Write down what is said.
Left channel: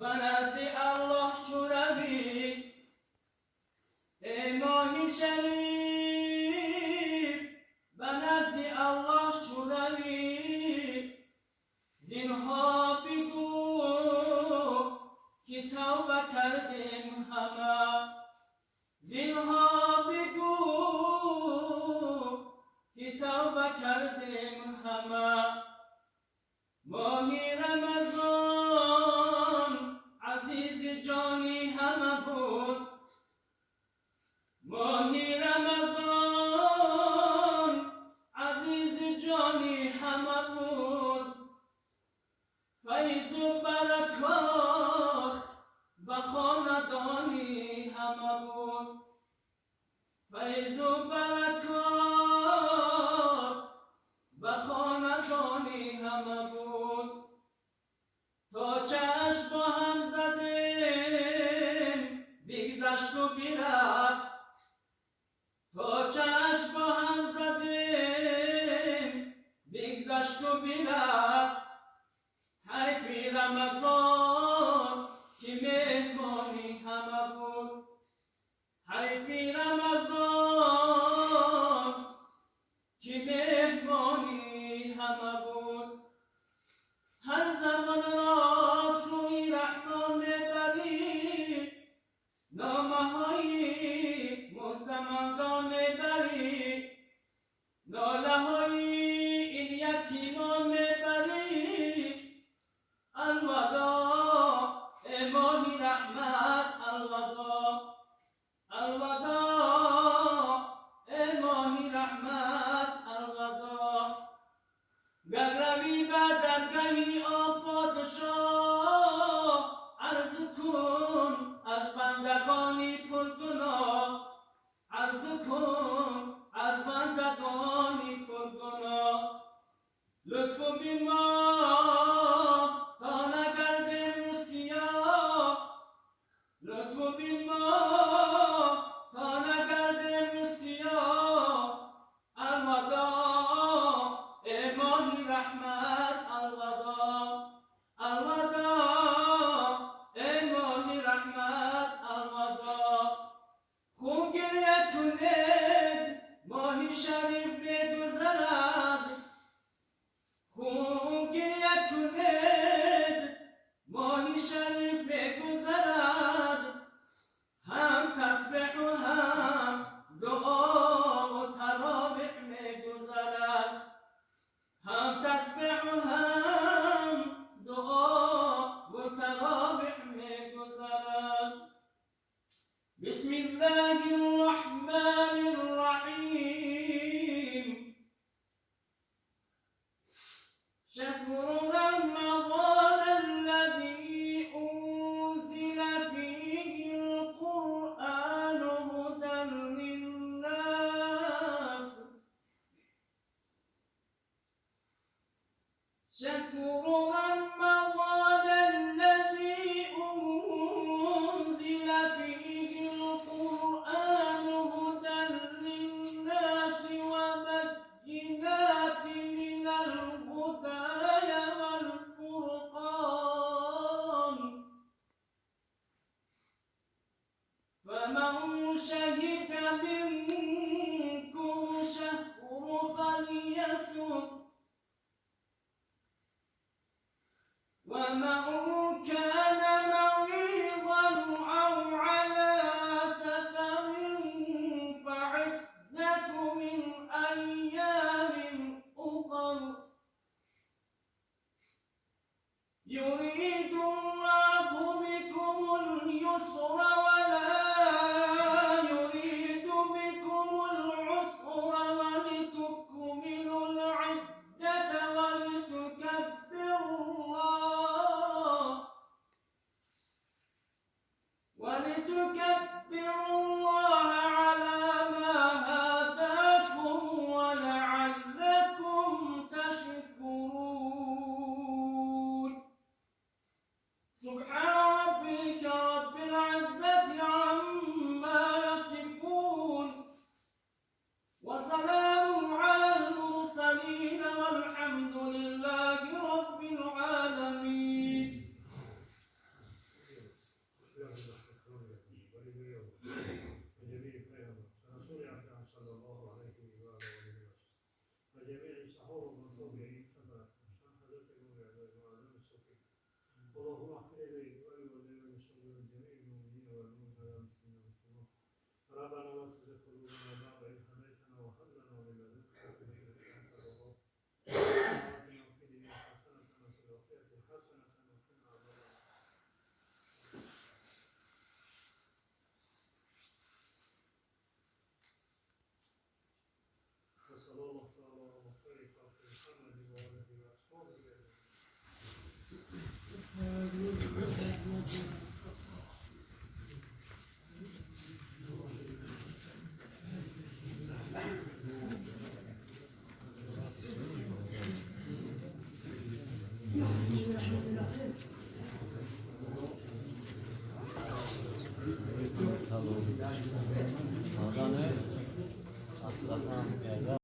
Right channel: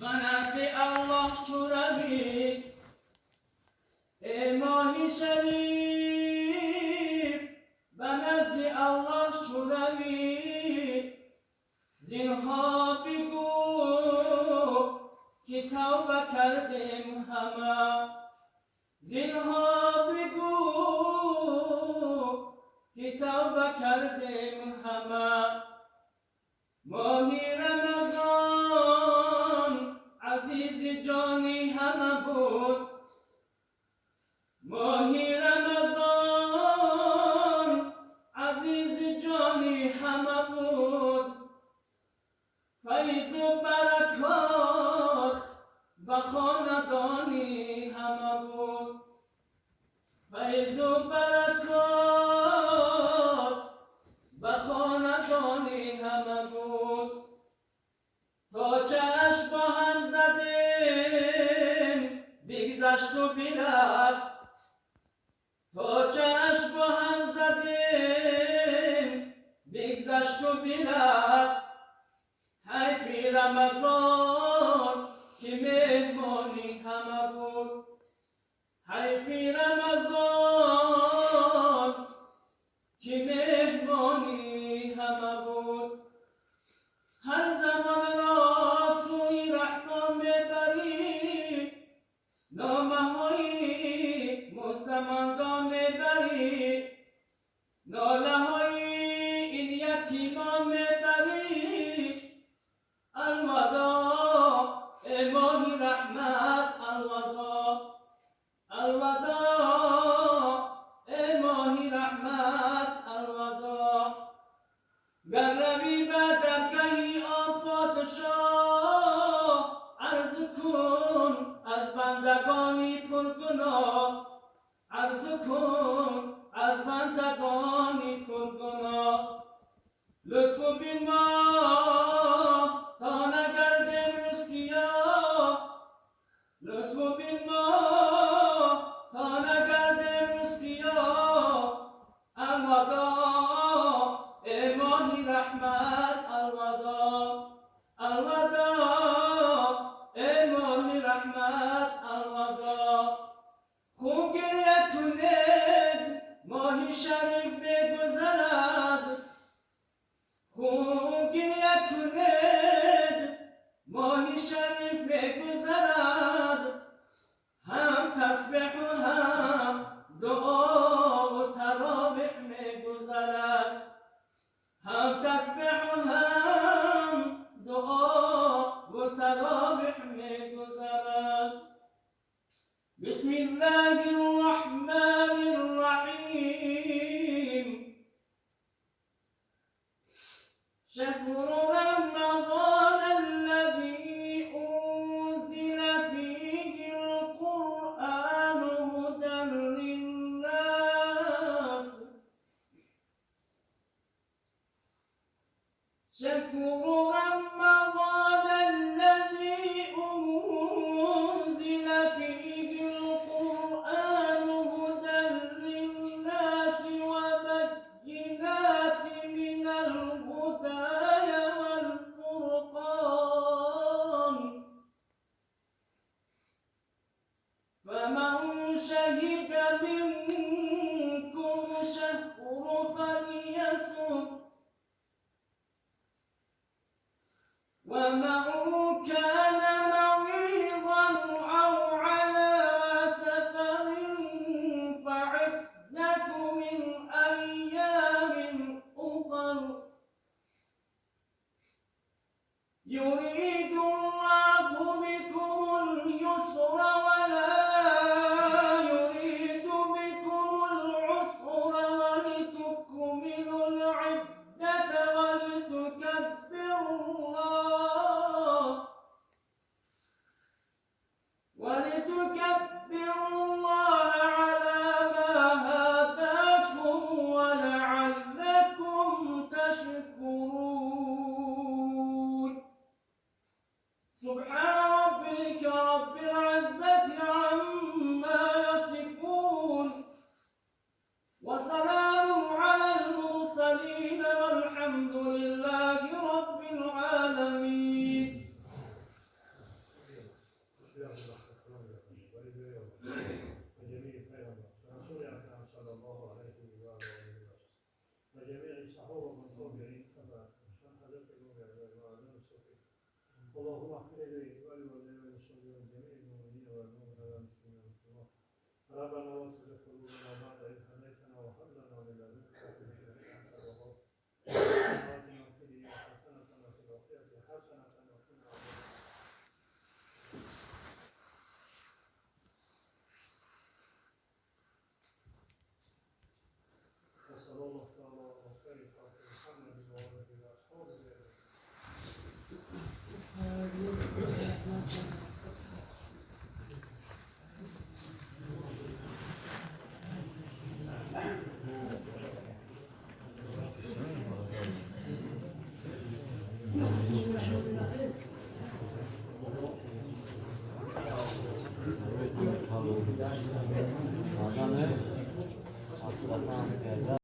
و نزد الله چو روی ای ماهی شریف و نزد الله چو روی زینها بگو که توبه کردیم همه زینها بگو که توبه کردیم همه ماهی رمضان عزیز جانی همه بود ماهی رمضان عزیز جانی همه بود فیض و برکات و خاندانی همه بود فیض و برکات و خاندانی همه بود تا چشم با هم زدیم بگذشت و برفت تا چشم با هم زدیم بگذشت و برفت حیفی رمضان که مهمانی همه بود حیفی رمضان که مهمانی همه بود هر زمان را سوی رحمان میبری نامه های مستمندان میبری ناله های این یتیمان میبری الوداع ای ماهی رحمت الوداع الوداع ای ماهی رحمت الوداع گر روی به درگاهی آن پادشاه عرض کن از بندگانی پرگناه عرض کن از بندگانی پرگناه لطف بنا تا نگردیم رو سیاه لطف بنا تا نگردیم رو سیاه الوداع ای ماهی رحمت الوداع الوداع ای ماهی رحمت الوداع خوب گریه کنید ماهی شریف بگذرد خوب گریه کنید ماهی شریف بگذرد هم تسبیح و هم دعا و تراویح میگذرد هم تسبیح و هم دعا و تراویح میگذرد بسم الله الرحمن الرحیم شهر رمضان الذي أنزل فيه القرآن هدى للناس شهر رمضان الذي أنزل فيه القرآن هدى للناس وبينات من الهدى والفرقان فمن شهد منكم شهر فليصم ومن كان مريضا أو على سفر فعدة من أيام أخر يريد الله بكم اليسر ولا يريد بكم العسر ولتكملوا العدة ولتكبروا الله على ما هداكم ولعلكم تشكرون سبحان ربك رب العزة عما يصفون وسلام على المرسلين والحمد لله رب العالمين اللهم اغفر لي ولوالدي وللمصلين وجميع المؤمنين والمؤمنات والمسلمين والمسلمات. ربنا لا تزغ قلوبنا بعد إذ هديتنا وهب لنا من لدنك رحمة إنك أنت الوهاب. آتنا في الدنيا حسنة وفي الآخرة حسنة وقنا عذاب النار. وصلى الله تعالى على خير خلق محمد وآله وأصحابه أجمعين. Adamı,